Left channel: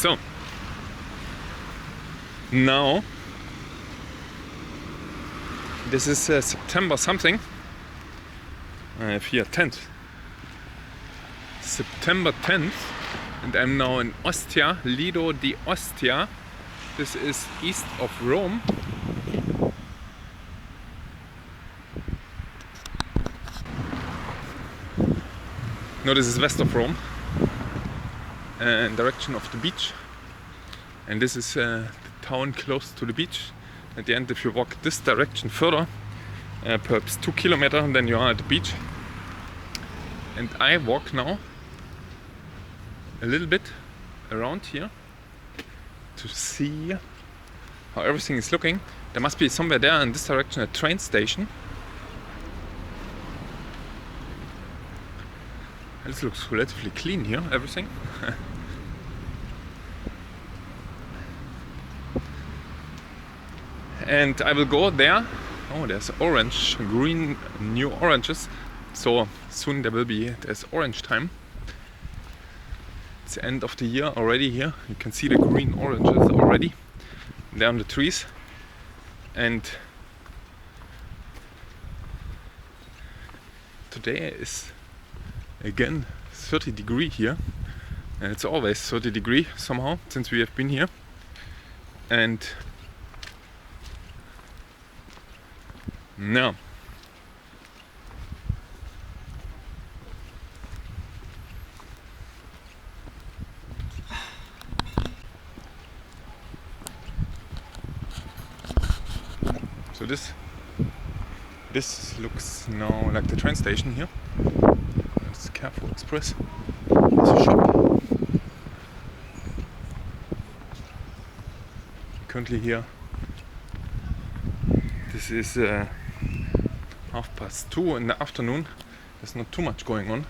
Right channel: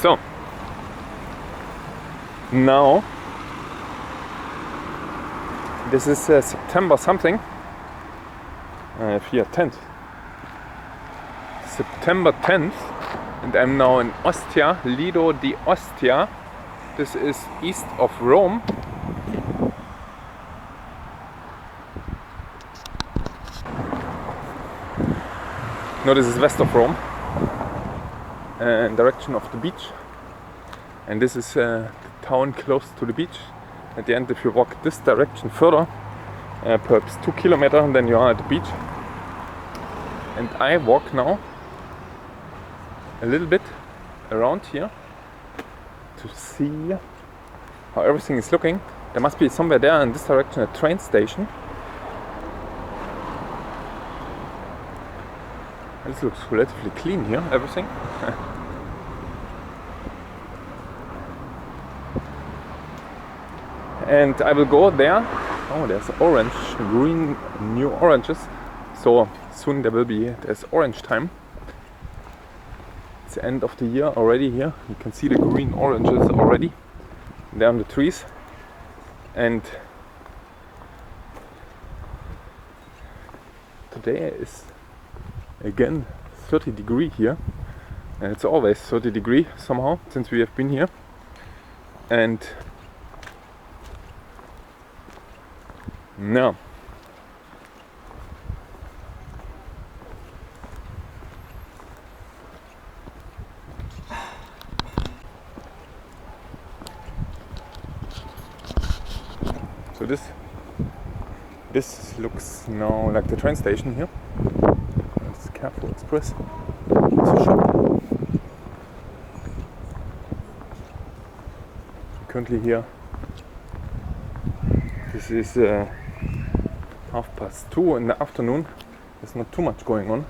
So now this is September something. I have here 10th. September 10th, and I'm now in Ostia, Lido di Ostia. This is east of Rome. No, this is west of Rome, in direction of the beach. And this is the town close to the beach. At the end, if you walk this direction further, perhaps 2 kilometers, then you are at the beach. And I walk now a little bit around here to see how everything is looking. There must be somewhere there in this direction a train station. This looks relatively clean here, everything. And I will go there. Oh, there's orange, green, new oranges. So soon there's orange time. It's the end of the year already here. You can see the green oranges already. They're on the trees. And today is again 30 degrees here. And it's always 30 degrees somehow since we have been here. And now so this looks now like the train station here. It's Carrefour Express. It's a shop. Currently here. This is 2:30 in the afternoon. There's not too much going on.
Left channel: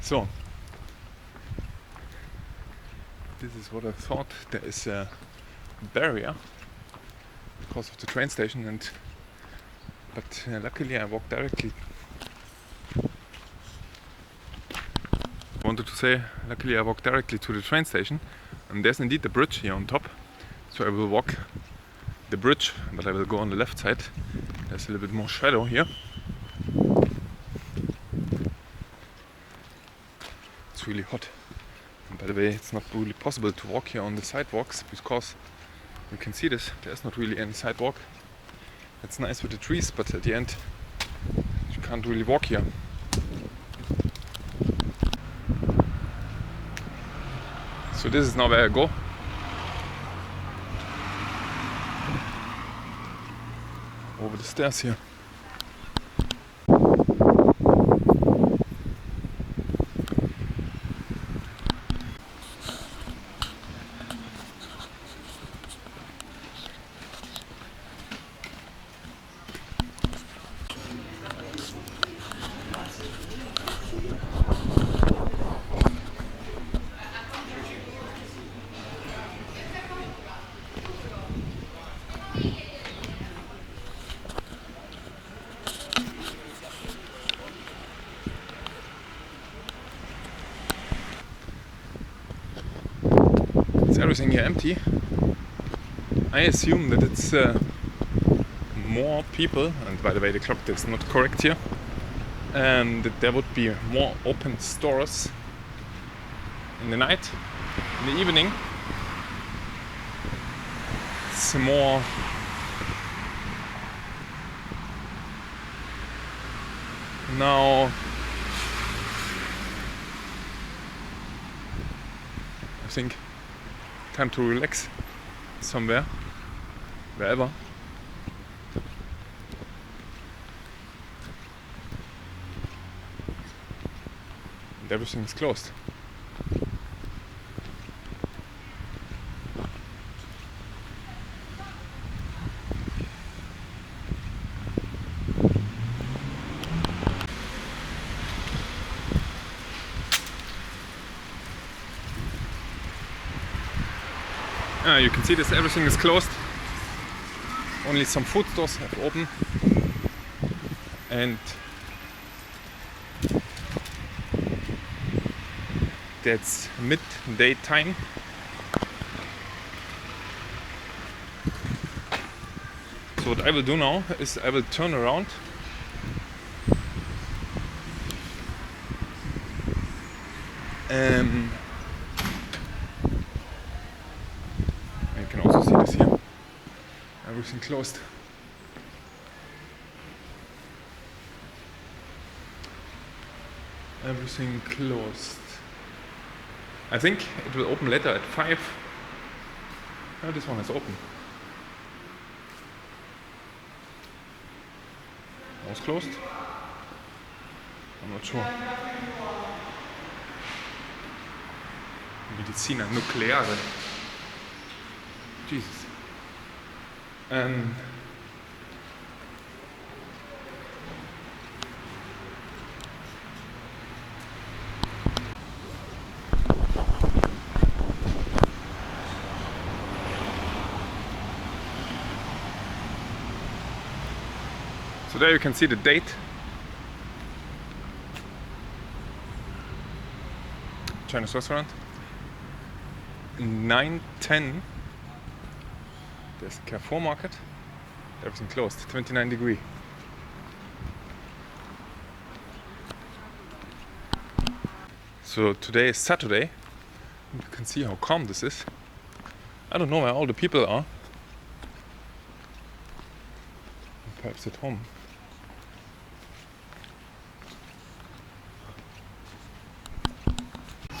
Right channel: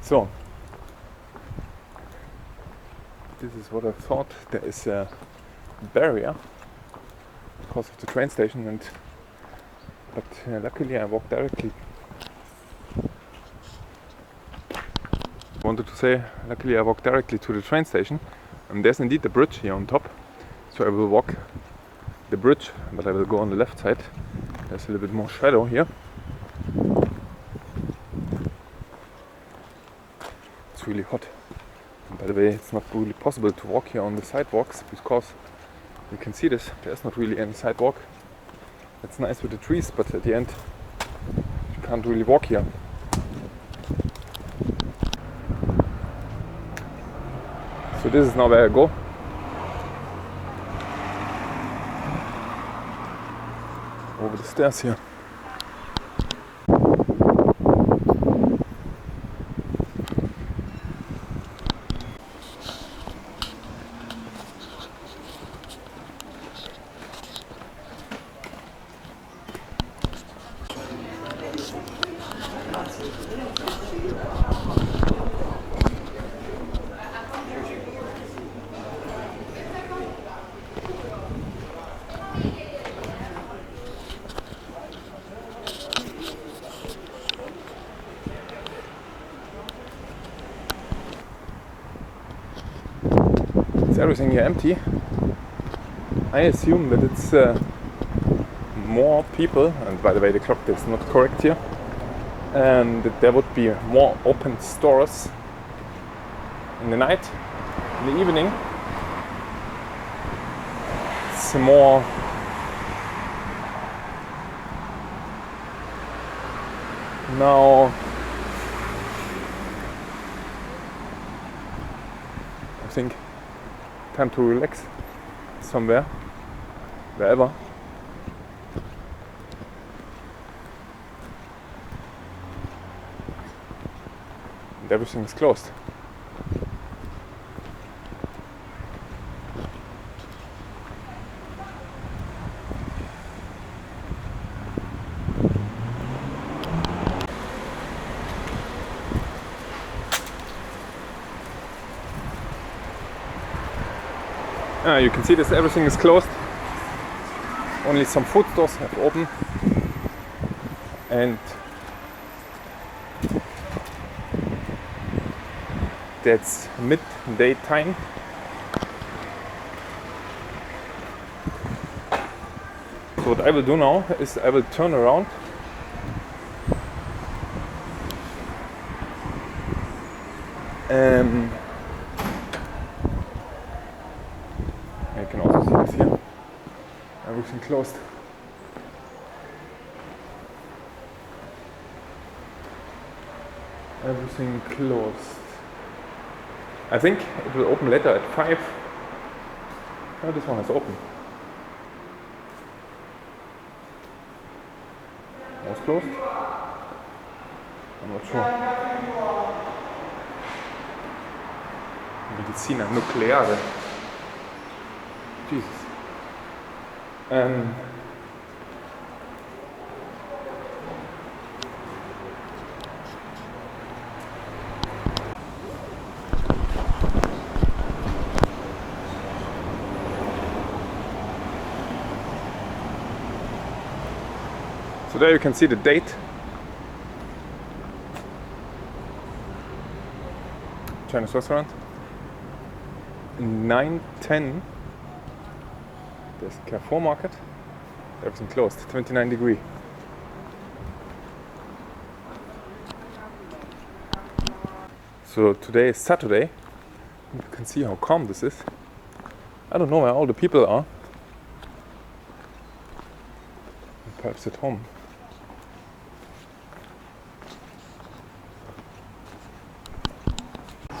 So this is what I thought. There is a barrier because of the train station, but luckily I walked directly. Luckily I walked directly to the train station, and there's indeed the bridge here on top. So I will walk the bridge, but I will go on the left side. There's a little bit more shadow here. It's really hot. And by the way, it's not really possible to walk here on the sidewalks because you can see this. There's not really any sidewalk. It's nice with the trees, but at the end you can't really walk here. So this is now where I go. Over the stairs here. Is everything here empty? I assume that it's more people, and by the way the clock is not correct here, and that there would be more open stores in the night, in the evening. It's more now. I think time to relax somewhere, wherever. And everything is closed. You can see this, everything is closed. Only some food stores have open. And that's midday time. So what I will do now is I will turn around you can also see this here. Everything closed. Everything closed. I think it will open later at 5. Oh, this one is open. Was closed? I'm not sure. Medicina nucleare. Jesus. So there you can see the date. Chinese restaurant. 9:10. There's Carrefour Market. Everything closed. 29 degrees. So today is Saturday. You can see how calm this is. I don't know where all the people are. Perhaps at home.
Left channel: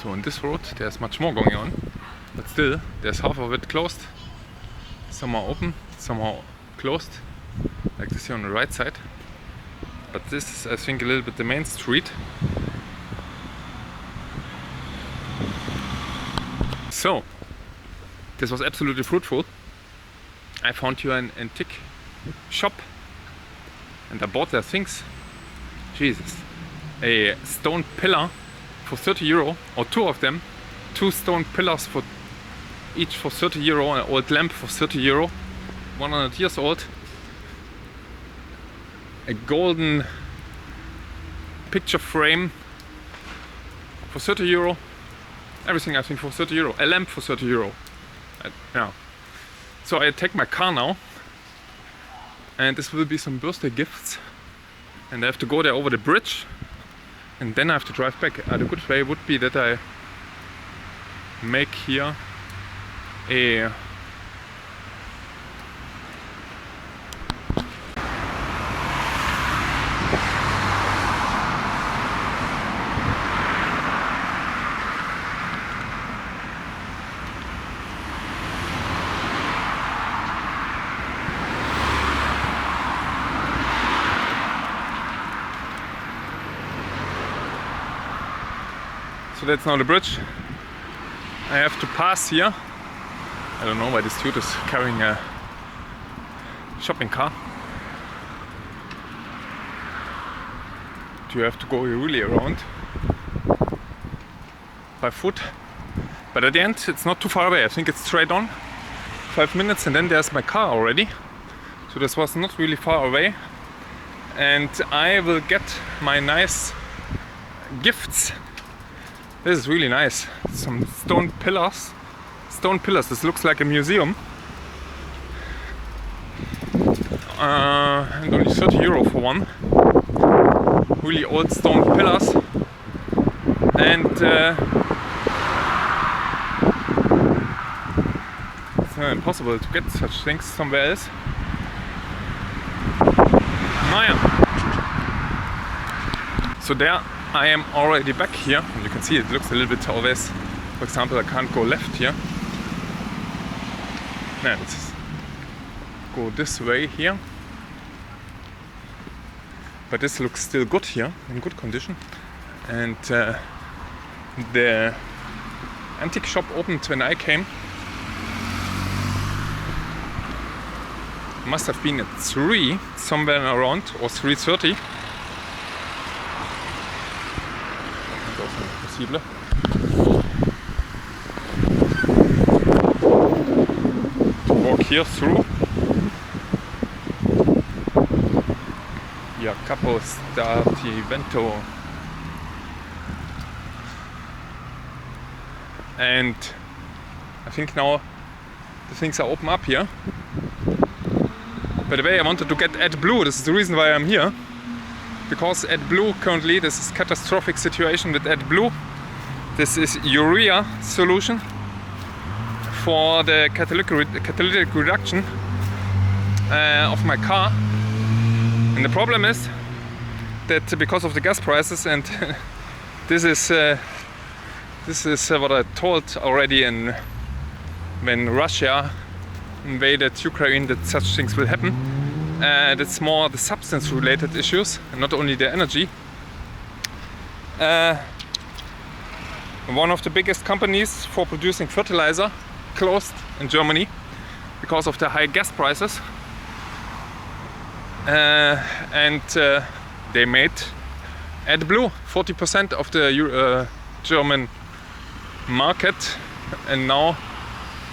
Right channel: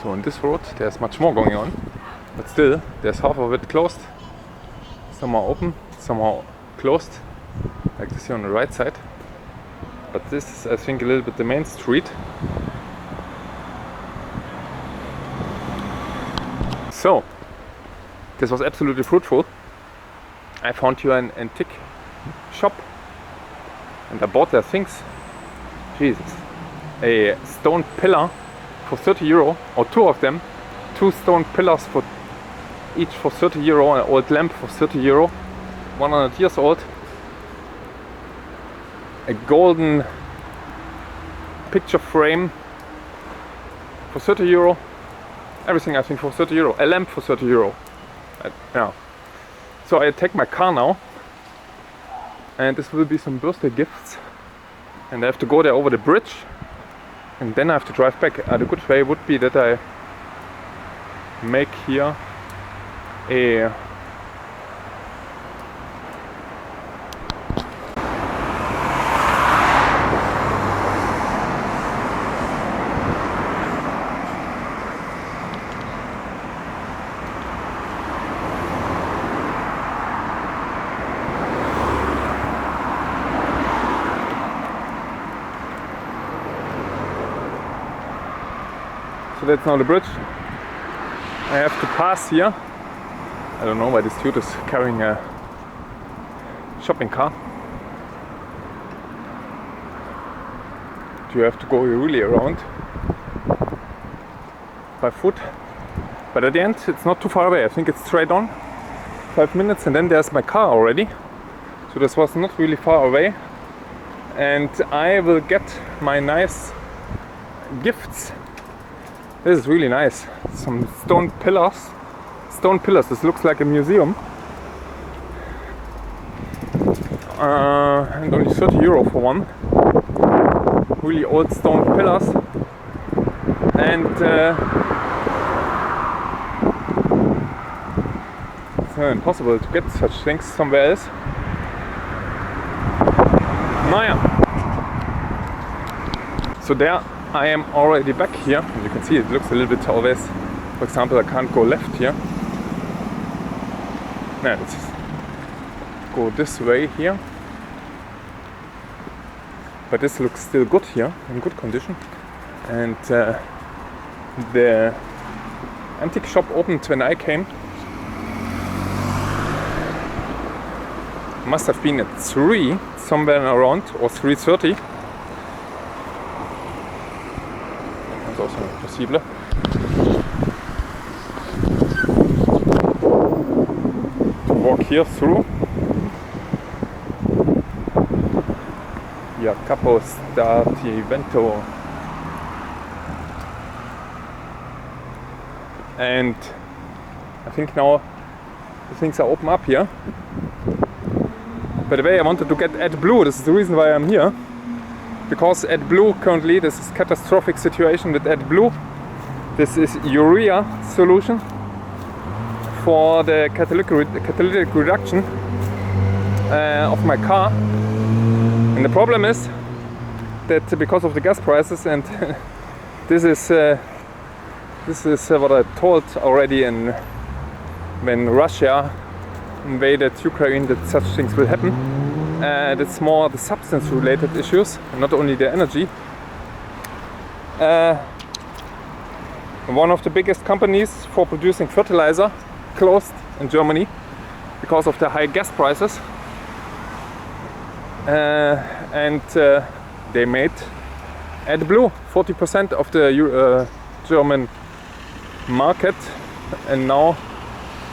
So on this road there's much more going on, but still there's half of it closed. Some are open, some are closed, like this here on the right side. But this is, I think, a little bit the main street. So this was absolutely fruitful. I found here an antique shop and I bought their things. Jesus, a stone pillar for 30 euro, or two of them, 2 stone pillars for each for 30 euro, an old lamp for 30 euro, 100 years old, a golden picture frame for 30 euro, everything I think for 30 euro, a lamp for 30 euro. Yeah. So I take my car now, and this will be some birthday gifts, and I have to go there over the bridge. And then I have to drive back. The good way would be that I make here a So that's now the bridge. I have to pass here. I don't know why this dude is carrying a shopping cart. You have to go really around by foot. But at the end it's not too far away. I think it's straight on. 5 minutes and then there's my car already. So this was not really far away. And I will get my nice gifts. This is really nice. Some stone pillars. Stone pillars. This looks like a museum. And only 30 euro for one. Really old stone pillars. And it's impossible to get such things somewhere else. Naja. So there I am already back here. And you can see it looks a little bit always. For example, I can't go left here. No, let's go this way here. But this looks still good here, in good condition. And the antique shop opened when I came. Must have been at 3, somewhere around, or 3:30. That's also possible. To walk here through. Via Capo Stati Vento. And I think now the things are open up here. By the way, I wanted to get AdBlue. This is the reason why I'm here, because AdBlue currently, this is catastrophic situation with AdBlue. This is urea solution for the catalytic reduction of my car. And the problem is that because of the gas prices, and this is what I told already when Russia invaded Ukraine, that such things will happen. It's more the substance related issues and not only the energy. One of the biggest companies for producing fertilizer closed in Germany because of the high gas prices. And they made AdBlue 40% of the German market, and now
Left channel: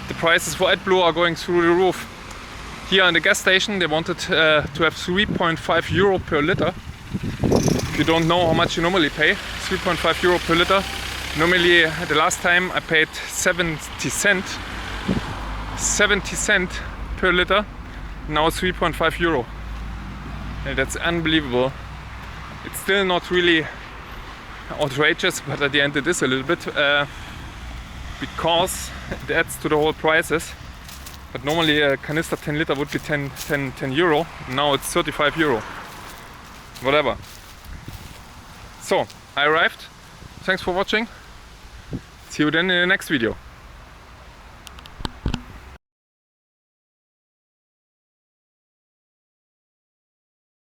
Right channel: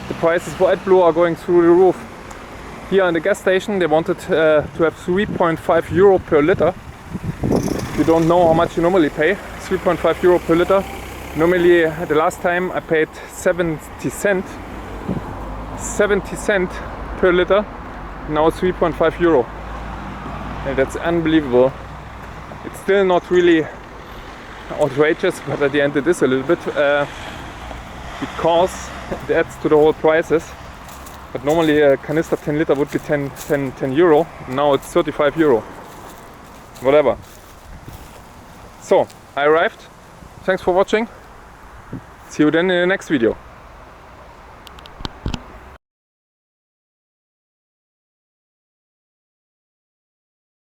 the prices for AdBlue are going through the roof. Here in the gas station they wanted to have 3.5 euro per liter. If you don't know how much you normally pay, 3.5 euro per liter. Normally the last time I paid 70 cent per liter, now 3.5 euro. And that's unbelievable. It's still not really outrageous, but at the end it is a little bit, because it adds to the whole prices. But normally a canister 10 liter would be 10 euro. Now it's 35 euro. Whatever. So I arrived. Thanks for watching. See you then in the next video.